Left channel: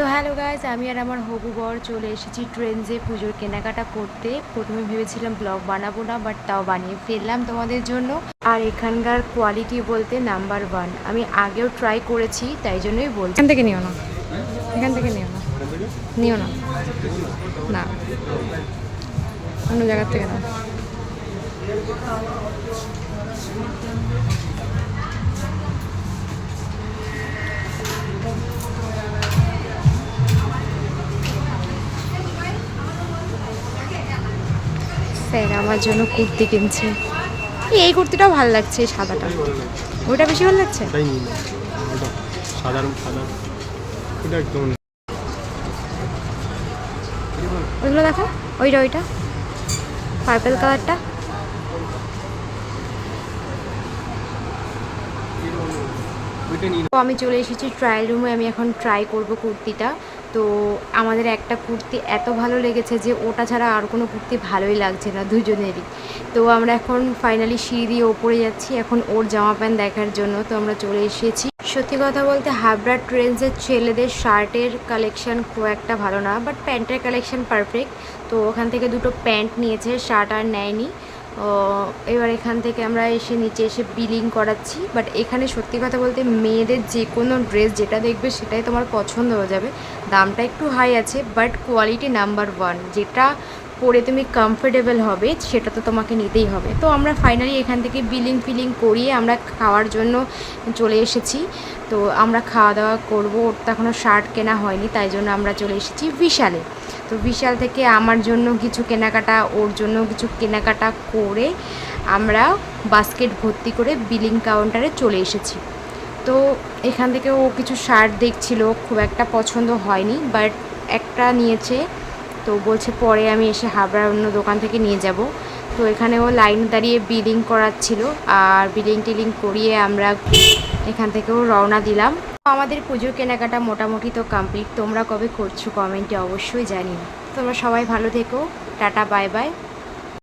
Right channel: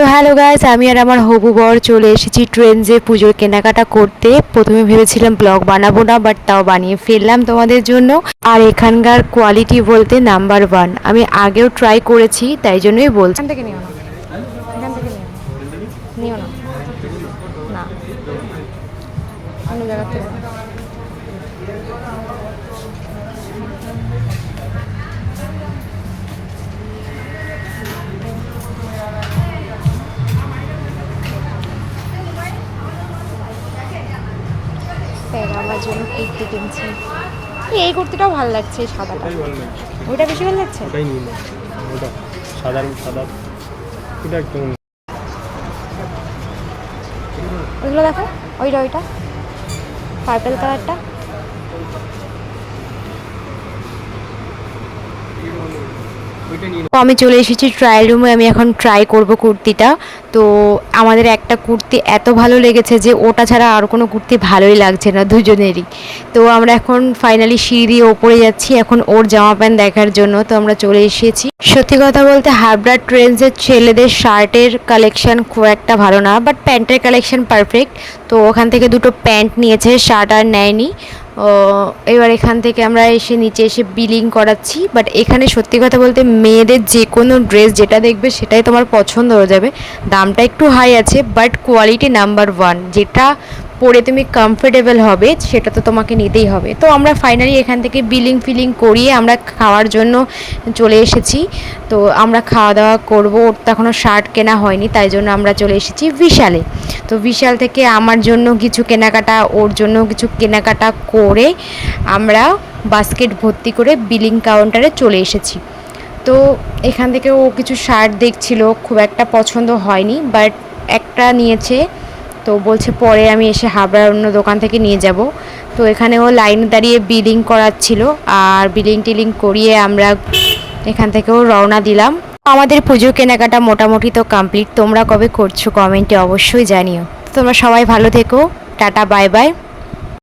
তো hello guys, আমি আর আমার হবু বর চলে এসেছি ট্রেন্ডসে পুজোর কেনাকাটা করতে। প্রথমে ভেবেছিলাম ব্লগ বানাবো না, বাট তাও বানিয়ে ফেললাম তোমাদের জন্য। আর এখানকার কোয়ালিটি বলতে নাম্বার ওয়ান। আমি আগেও ট্রাই করেছি, তাই জন্যই বলছি। এখান থেকে নিও না, এখান থেকে নিও না, না অন্য জায়গা থেকে নাও। স্যার আমার জন্য কুর্তি কিনছে। এই কুর্তিটাও ভালো লাগছে, এই সাদাটা। ওটা বেশি ভালো লাগছে। সাধারণ সাদা এটা একদম ওইগুলো দেখো, ওইটা পার্পল কালারটা। তো আমি চলে এসেছি ট্রায়াল রুমে। আমি এখন ট্রাই করব কুর্তিটা। তো আমাদের একটা কুর্তি এত ভালো লেগেছে যে ওটা ছাড়া আর কোনো কুর্তি ভালোই লাগছে না দুজনেরই। তো আমরা এখন ফাইনালি সিঁড়ি দিয়ে ওপরে যাচ্ছি এখন ওর জামা প্যান্ট দেখার জন্য। তো আমরা চলে এসেছি। সত্যি কথা বলতে হাবড়া ট্রেন্ডসের ছেলেদের শার্টের কালেকশন খুব একটা ভালো না, বাট প্যান্টের কালেকশন পারফেক্ট। তো ওখান থেকে দুটো প্যান্ট নিয়েছে, শার্ট আর নেয়নি। এবার এখান থেকে আমরা এসে নিচে এসে বিলিং করাচ্ছি। বাট এখানে সত্যি কথা বলতে মেয়েদের যে কোনো ড্রেস যেটা দেখবে সেটাই তোমার পছন্দ হয়ে যাবে। দামটা একটু হাই আছে, বাট কোয়ালিটি নাম্বার ওয়ান। যেটা পরে তুমি কমফোর্টেবল হবে সেটা তো তোমাকে নিতেই হবে। তো আমরা ফাইনালি এখান থেকে বিলিং ফিলিং করিয়ে আমরা খাওয়ার জন্য চলে এসেছি। তো আমরা খাওয়া দাওয়া করবো। ওর তো এখনও শার্ট কেনা হয়নি, তাই জন্য আমরা চলে এসেছি বিশালে। তো বিশাল থেকে আমার জন্য কিছু কেনাকাটা, ওর জন্য কিছু কেনাকাটা করে আমরা বাস্কেট ভর্তি করে বিলিং কাউন্টারে চলে এসেছি। তো এখান থেকে ও কিছু শার্ট দেখছিল, খুব একটা পছন্দ হয়নি, বাট একটা নিয়েছে। তো বলছে পরে আমি এসে হাবড়ার অন্য দোকান থেকে নিয়ে যাব। তো এখানে ও লাইন দাঁড়িয়ে বিলিং করাচ্ছিল, আর বিলিং টিলিং করিয়ে আমরা এখান থেকেও রওনা দিলাম। আমাদের পুজো কেনাকাটা মোটামুটি তো কমপ্লিট। তোমরা কবে করছো কমেন্টে অবশ্যই জানিও। তোমরা সবাই ভালো থেকো। Tata, bye bye.